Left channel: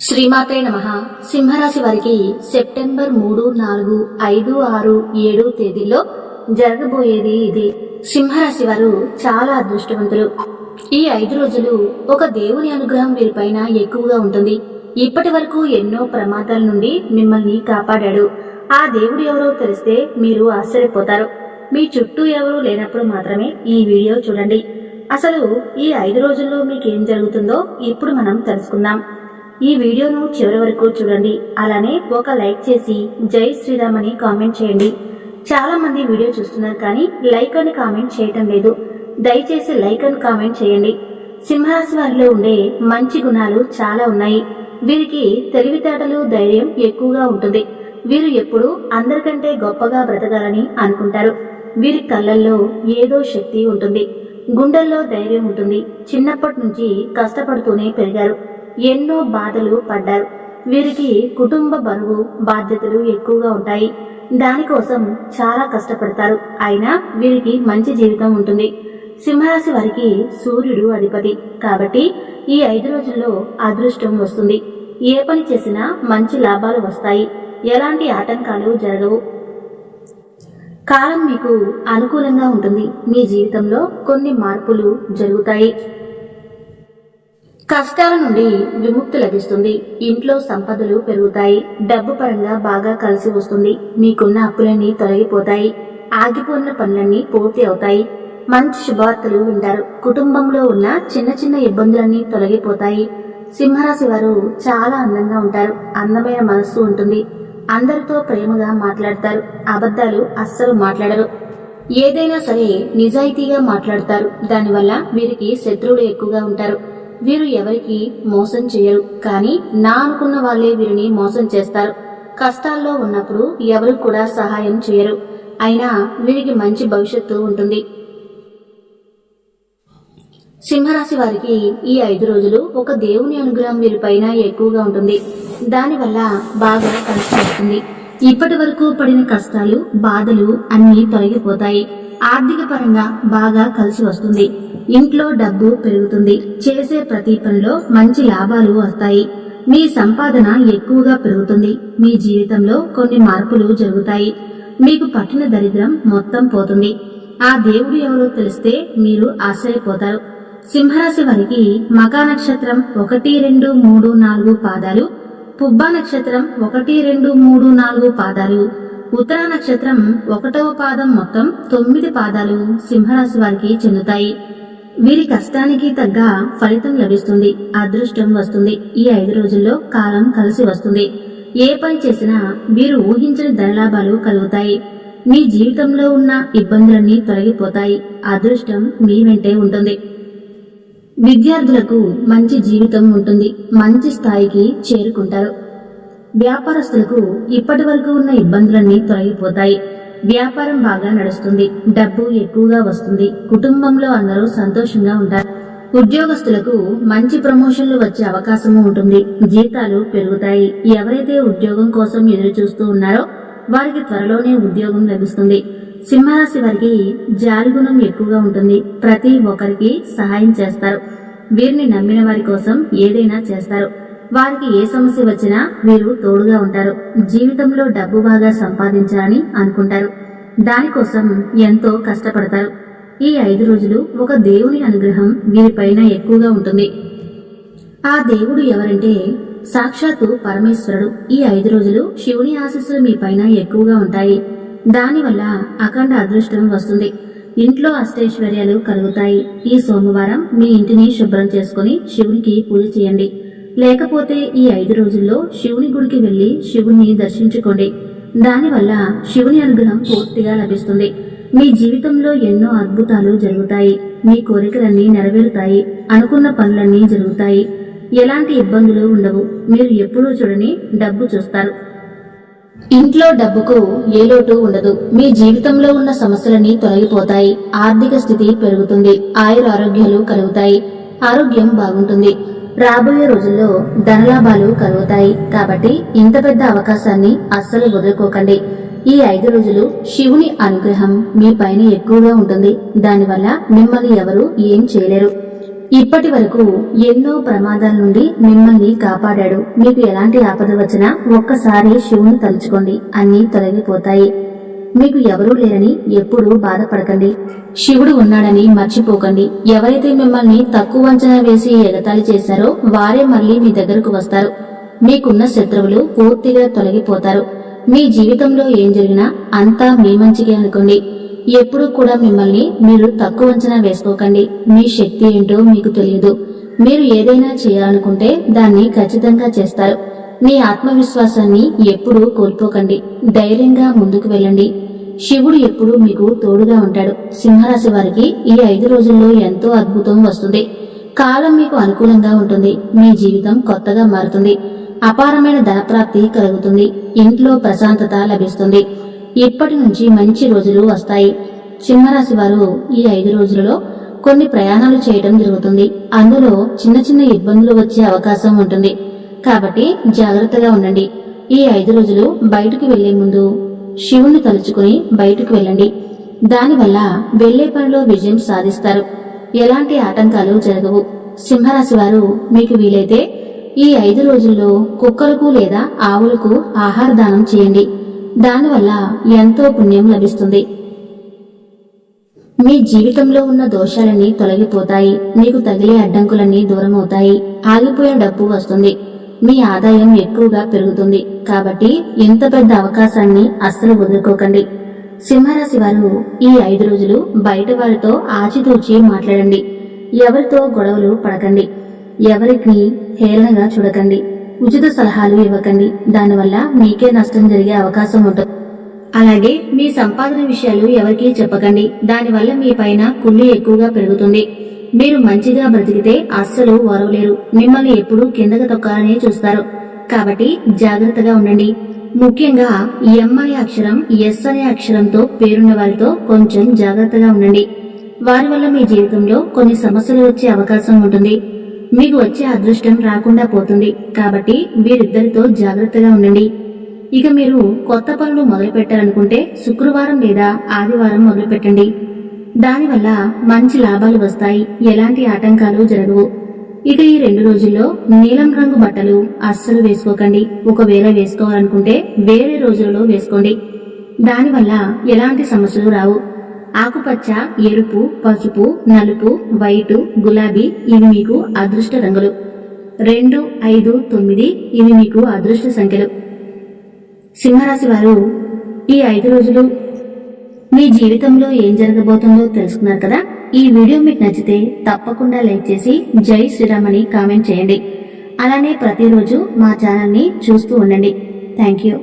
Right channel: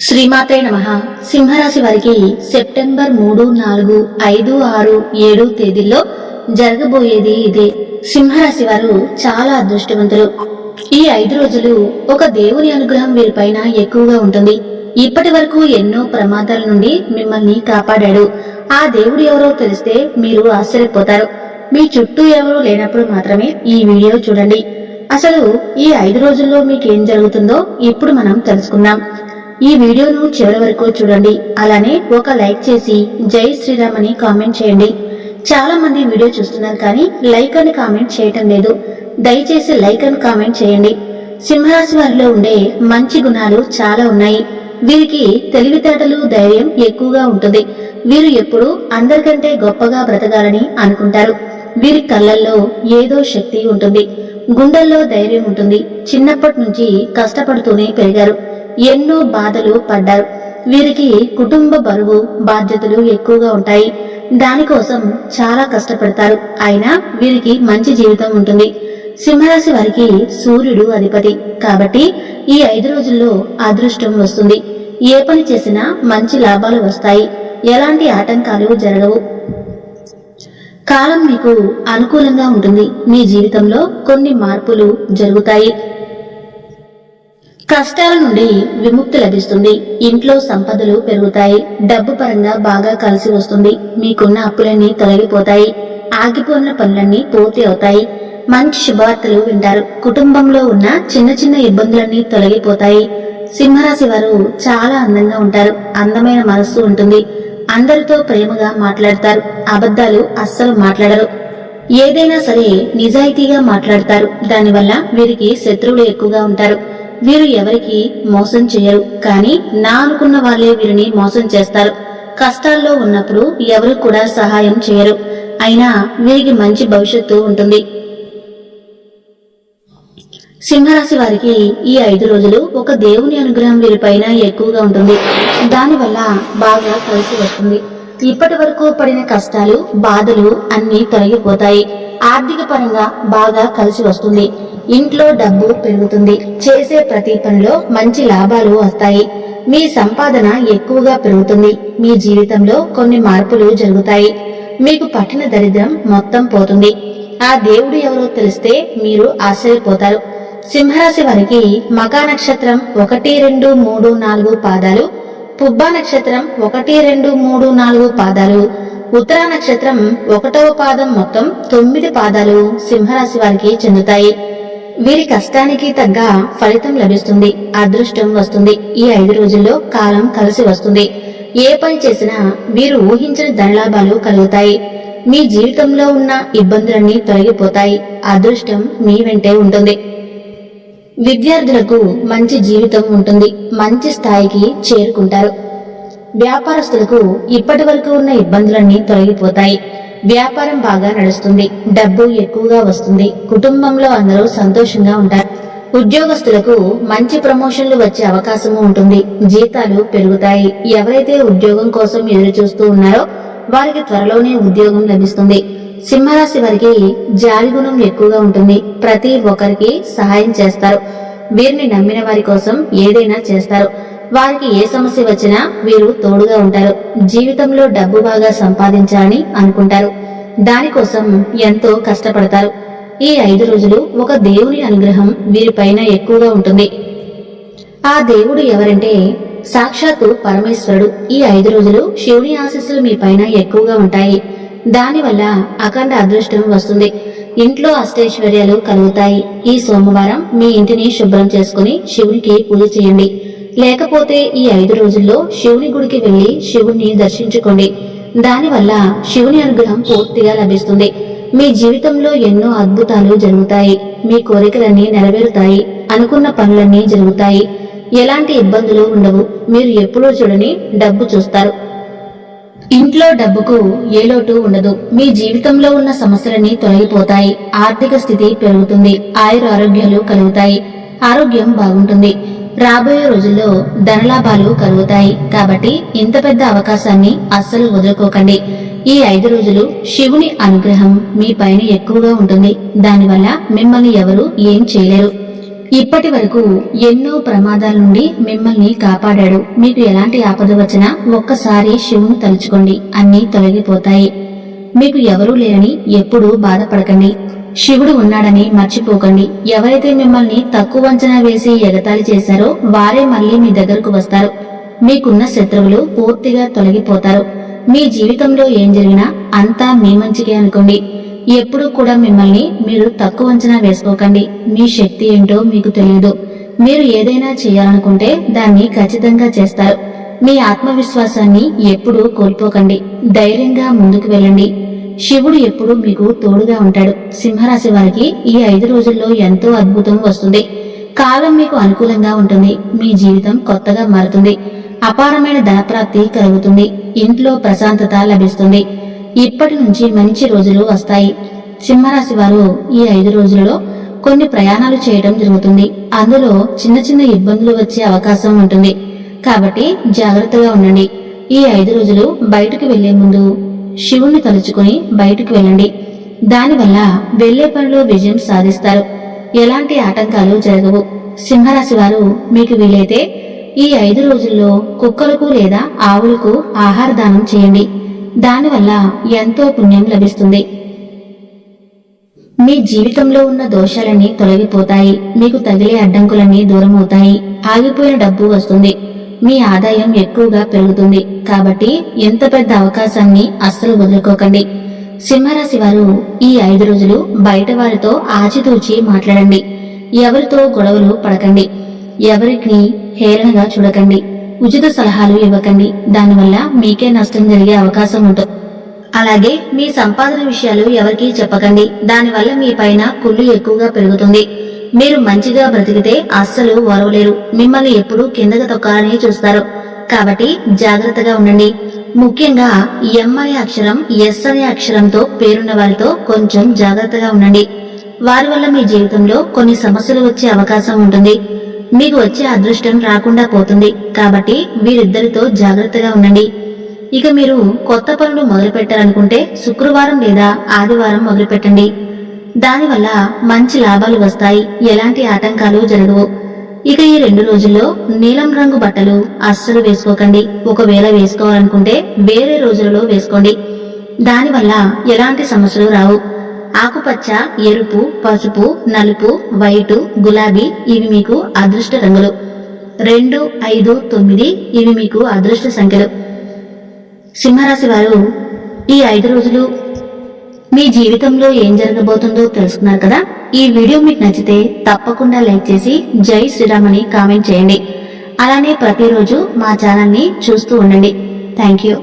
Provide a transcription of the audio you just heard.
శ్రీమాతే నమ. సింహరాశి వారికి సెప్టెంబర్ మూడు నాలుగు ఐదు ఆరు ఏడు తేదీల్లో జరగబోయేది ఇదే. సింహరాశి వారు చాలా అదృష్టవంతులు. ఈ ఐదు రోజులు ఒక దేవుని అనుగ్రహం వీరిపైన ఎక్కువగా ఉంటుంది. ఇప్పటి వరకు ఎన్నో ప్రమాదాల నుండి మిమ్మల్ని కాపాడాడు. ఆ దేవుడు ఎవరో తెలిస్తే మీరు ఆశ్చర్యపోతారు. మీ చుట్టూ ఎవరూ లేనప్పుడు మాత్రమే ఈ వీడియో చూడండి. అసలు ఈ ఐదు రోజుల్లో మీకేం జరుగుతుందో ఇప్పుడు మనం తెలుసుకుందాం. ఈ వీడియోను చివరి వరకు చూడండి. అలానే ఒక లైక్ చేసి జై శ్రీరామ్ అని కామెంట్ చేయండి. చాలా మంది వీడియో చూస్తున్నారు కానీ లైక్ అని కామెంట్ చేయటం లేదు. దయచేసి లైక్ అని కామెంట్ చేయండి. సింహరాశి వారిలో ఉండే మంచి గుణాలు చాలా ఉన్నాయి. వీరికి తెలివితేటలు ధైర్యం ఎక్కువగా ఉంటుంది. వీరు ఎప్పుడూ అందరికంటే గొప్పగా బ్రతకాలని అనుకుంటారు. వీరి కళ్ళల్లో ఏదో శక్తి ఉంటుంది. గుండెల్లో ధైర్యం ఉంటుంది. చిన్నప్పటి నుంచి కష్టపడుతూనే పెరిగారు. ఎన్నో బాధలు పడ్డారు. వీరికి కుటుంబ బరువు బాధ్యతలు ఎక్కువగా ఉంటాయి. దానికోసం చాలా కష్టపడతారు. అయినా వీరికి మంచి జీవితం ఉంటుంది. సింహరాశి వారికి సూర్యుడు అధిపతి. కాబట్టి ఈ ఐదు రోజుల్లో అదృష్టం వస్తుంది. ఏ పని చేసినా మంచి లాభాలు వస్తాయి. ఎలాంటి ఆటంకాలు జరగవు. కాలం మీకు అనుకూలంగా ఉంటుంది. మీ జీవితంలో కొన్ని మార్పులు జరుగుతాయి. కష్టాల నుండి విముక్తి లభిస్తుంది. ఇంట్లో సంపదలు పెరుగుతాయి. డబ్బు పరంగా బాగా కలిసి వస్తుంది. మీకున్న అప్పులన్నీ తొలగిపోతాయి. ఆగిపోయిన పనులన్నీ పూర్తి అవుతాయి. మంచి శుభవార్తలు వింటారు. కుటుంబంలో ఉన్న చిన్న చిన్న ఇబ్బందులన్నీ తొలగిపోతాయి. సింహరాశి వారు చాలా అందంగా ఉంటారు. అందమైన మనస్సు ఉంటుంది. అందరితో ప్రేమగా మాట్లాడతారు. అబద్ధాలు అస్సలు మాట్లాడరు. ఏదైనా సరే నిజాయితీగా మాట్లాడతారు. దానివల్ల వీరికి శత్రువులు ఎక్కువగా ఉంటారు. వీరు ఎవరికి మోసం చేయరు. కానీ నా అనుకున్న వాళ్ళే వీరిని మోసం చేస్తారు. కష్టాల్లో ఉన్నప్పుడు ఎవరు కూడా సహాయం చేయరు. అయినా వీరికి మంచి భవిష్యత్తు ఉంటుంది. సింహరాశి వారికి ఈ ఐదు రోజులు ఒక దేవుని అనుగ్రహం వీరిపైన ఎక్కువగా ఉంటుంది. దానివల్ల బాగా కలిసి వస్తుంది. ఇప్పటి వరకు పడిన కష్టాలు బాధలు అన్ని తొలగిపోతాయి. ఆర్థిక పరంగా బాగా కలిసి వస్తుంది. ఇంట్లో డబ్బు పెరుగుతుంది. చేసే ప్రతి పనిలో మంచి లాభాలు వస్తాయి. మీ సంపాదన ఎక్కువగా పెరుగుతుంది. మీ జీవితంలో కొన్ని మార్పులు జరుగుతాయి. మీకు పట్టిన దరిద్రం మొత్తం పోతుంది. ఆ దేవుడు ఎవరో తెలిస్తే మీరు ఆశ్చర్యపోతారు. సింహరాశి వారికి మకా నక్షత్రం ఒకటి రెండు మూడు నాలుగు పాదాలు పుబ్బా నక్షత్రం ఒకటి రెండు మూడు నాలుగు పాదాలు ఉత్తరా నక్షత్రం ఒకటవ పాదం మొత్తం తొమ్మిది పాదాలు సింహరాశి వారికి చెందుతాయి. వీరి కష్టానికి తగ్గ ఫలితం లభిస్తుంది. అదృష్టం వస్తుంది. ఈ ఐదు రోజుల్లో కాలం కలిసి వస్తుంది. ఏ పని చేసినా వీరు ఊహించిన ధనలాభాలు కలుగుతాయి. మీ జీవితంలో ఉన్న ఇబ్బందులన్నీ తొలగిపోతాయి. అదృష్టం మీ వెంటే ఉంటుంది. విద్యార్థులకు మంచి జీవితం ఉంటుంది. మంచి స్థాయికి చేరుకుంటారు. వ్యాపారస్తులకు ఇప్పటి వరకు ఉన్న ఇబ్బందులన్నీ తొలగిపోతాయి. వ్యాపారం బాగా నడుస్తుంది. డబ్బు ఎక్కువగా వస్తుంది. కుటుంబంలో అందరూ సంతోషంగా ఉంటారు. ఉద్యోగస్తులకు మంచి ప్రమోషన్లు వచ్చే అవకాశము ఉంటుంది. జీతాలు పెరుగుతాయి. ఎవరైతే ఉద్యోగం కోసం ఎదురు చూస్తూ ఉన్నారో వారికి త్వరలోనే ఉద్యోగం లభిస్తుంది. సింహరాశి వారికి జాలిగుణం ఎక్కువగా ఉంటుంది. ప్రతి ఒక్కరికి సహాయం చేస్తారు. వీరిని నమ్మిన వారి కోసం ఏదైనా చేస్తారు. వారికి ఏ సమస్య వచ్చినా వీరు తోడుగా ఉంటారు. జీవితంలో డబ్బు బాగా సంపాదించాలని అనుకుంటారు. దానికోసం ఎంతో కష్టపడతారు. ఈ ఐదు రోజులు ఒక దేవుని అనుగ్రహం వీరిపైన ఎక్కువగా ఉంటుంది. ఆ దేవుడు ఎవరంటే సాక్షాత్తు పరమేశ్వరుడు. ఈ ఐదు రోజులు శివుని ఆశీస్సులు మీ పైన ఎక్కువగా ఉంటాయి. దానివల్ల అఖండ అదృష్టం వస్తుంది. ఇంట్లో అష్టైశ్వర్యాలు కలుగుతాయి. ఈ సోమవారం మీ ఇంటిని శుభ్రం చేసుకుని శివునికి పూజ చేయండి. లేకపోతే ఈ ఐదు రోజుల్లో శివుని గుడికి వెళ్ళి శివుణ్ణి దర్శించుకోండి. దానివల్ల శివుని అనుగ్రహం పూర్తిగా లభిస్తుంది. మీ జీవితంలో ఎన్నో అద్భుతాలు జరుగుతాయి. మీ కోరికలన్నీ నెరవేరుతాయి. అనుకున్న పనులన్నీ జరుగుతాయి. ఎలాంటి ఇబ్బందులు ఉండవు. మీరు ఎప్పుడూ చూడని డబ్బు చూస్తారు. ఇంట్లో డబ్బుకు ఏ లోటు ఉండదు. మీ జీవితంలో ఉన్న సమస్యలన్నీ తొలగిపోతాయి. ఆర్థిక స్థితి పెరుగుతుంది. ఆయుర ఆరోగ్యాలు కలుగుతాయి. ఆరోగ్యం బాగుంటుంది. రాబోయే రోజుల్లో ధనలాభాలు కలుగుతాయి. కాబట్టి ఇంత పెద్ద అవకాశాన్ని అస్సలు వదులుకోకండి. ఈ ఐదు రోజులు శివుని అనుగ్రహం మీ పైన ఎక్కువగా ఉంటుంది. దానివల్ల మిమ్మల్ని ఎవరు ఏం చేయలేరు. ఇప్పటి వరకు ఎన్నో ప్రమాదాల నుండి మిమ్మల్ని కాపాడాడు. మీకు ఎలాంటి ఆపద వచ్చినా ఒక్కసారి శివుని తలుచుకోండి. అన్నీ తొలగిపోతాయి. మీకు ఎవరూ లేరని ఎప్పుడూ బాధపడకండి. శివుడు ఉన్నాడని మర్చిపోకండి. ఎవరైతే మిమ్మల్ని తక్కువ అంచనా వేసి ఎగతాళి చేశారో వారే మళ్ళీ మీ దగ్గరకు వస్తారు. మీకున్న శత్రువులు పూర్తిగా తొలగిపోతారు. మీ జీవితంలో ఏం జరిగినా అంతా మీ మంచికే అనుకోండి. ఎప్పుడూ కూడా మిమ్మల్ని మీరు తక్కువ అంచనా వేసుకోకండి. మీ శక్తి ఏంటో మీకు తెలియదు. మీరు ఏదైనా చేయాలనుకుంటే దాన్ని ఖచ్చితంగా చేస్తారు. మీ ఆత్మవిశ్వాసాన్ని ఎప్పుడూ కోల్పోకండి. ధైర్యంగా ముందుకు వెళ్ళండి. శివుడు ఎప్పుడూ మీకు తోడుగా ఉంటాడు. సింహరాశి వారికి ఈ ఐదు రోజుల్లో ఎంతో అద్భుతం వస్తుంది. కాలం మీకు అనుకూలంగా ఉంటుంది. మీ జీవితం కొత్తగా మారుతుంది. అపారమైన ధనప్రాప్తి కలుగుతుంది. ఇంట్లో ప్రశాంతత లభిస్తుంది. ఇప్పటి నుంచి మంచి రోజులు వస్తాయి. సింహరాశి వారు ఈ ఐదు రోజులలో కొన్ని ప్రయాణాలు చేయటం జరుగుతుంది. అందులో చిన్న చిన్న ఇబ్బందులు వచ్చే అవకాశం ఉంటుంది. కాబట్టి జాగ్రత్తగా ఉండండి. ఈ ఐదు రోజులు బయటకు వెళ్ళే ముందు శివుణ్ణి తలుచుకుని బయటకు వెళ్ళండి. దానివల్ల వెళ్ళే పనిలో విజయం సాధిస్తారు. ఎలాంటి ఆటంకాలు జరగవు. సింహరాశి వారు మీకు వీలైతే ఈ ఐదు రోజుల్లో కుక్కలకు లేదా ఆవులకు ఆహార దానం చేయండి. దానివల్ల ఎంతో పుణ్యం లభిస్తుంది. మీ జీవితంలో ఉన్న దోషాలన్నీ తొలగిపోతాయి. మీకు తగిలే అడ్డంకులన్నీ దూరమవుతాయి. ఆగిపోయిన డబ్బు వస్తుంది. మీ ఆదాయం ఎక్కువగా పెరుగుతుంది. కాబట్టి ఇంత పెద్ద అవకాశాన్ని అస్సలు వదులుకోకండి. సింహరాశి వారు ఈ ఐదు రోజులు బయట వారితో ఆచితూచి మాట్లాడండి. ఎవరితో గొడవలు పడకండి. ఎవరికి హేళనగా చూడకండి. ఉచిత సలహాలు ఇవ్వకండి. దానివల్ల మీకే నష్టం జరిగే అవకాశం ఉంటుంది అలాగే మీ సంపాదన విషయాలు ఎవరికీ చెప్పకండి. దానివల్ల మీ పైన కుళ్ళు ఎక్కువగా పెరుగుతుంది. మీరు మంచిగా బ్రతికితే అస్సలు ఓరవలేరు. మిమ్మల్ని ఎప్పుడూ కిందకి తొక్కాలని చూస్తారు. కాబట్టి జాగ్రత్తగా ఉండండి. ముఖ్యంగా ఎం అనే అక్షరం ఎస్ అనే అక్షరంతో పేరున్న వారితో కొంచెం జాగ్రత్తగా ఉండండి. వారి వల్ల మీ జీవితంలో కొన్ని సమస్యలు వచ్చే అవకాశం ఉంటుంది. మీకు వచ్చే అదృష్టం రాకుండా పోతుంది. కాబట్టి వీరిద్దరితో జాగ్రత్తగా ఉండండి. ఇక మీరు కొత్త పనులు మొదలుపెట్టాలనుకుంటే శుక్రవారం లేదా ఆదివారం మొదలుపెట్టండి. దానివల్ల మంచి లాభాలు వస్తాయి. ఎలాంటి ఆటంకాలు జరగవు. ఇక ఈ రెండు రోజుల్లో నీలం రంగు బట్టలు అస్సలు వేసుకోకండి. ఒకవేళ వేసుకోవాలనుకుంటే వేరే రోజులలో వేసుకోండి. దానివల్ల ఎలాంటి సమస్యలు రావు. ఆకుపచ్చ ఎరుపు పసుపు నలుపు వైటు గులాబీ ఇవి మీకు అదృష్ట రంగులు. రెండు ఐదు తొమ్మిది ఇవి మీకు అదృష్ట సంఖ్యలు. సింహరాశి వారు ఈ ఐదు రోజులు మీ జీవితంలో ఏం జరగబోతుందో తెలుసుకున్నారు కదా? ఈ వీడియో మీకు నచ్చితే తప్పకుండా లైక్ చేసి జై శ్రీరామ్ అని కామెంట్ చేయండి. అలానే ప్రతిరోజు మా ఛానల్ని చూస్తూ ఉండండి. Thank you.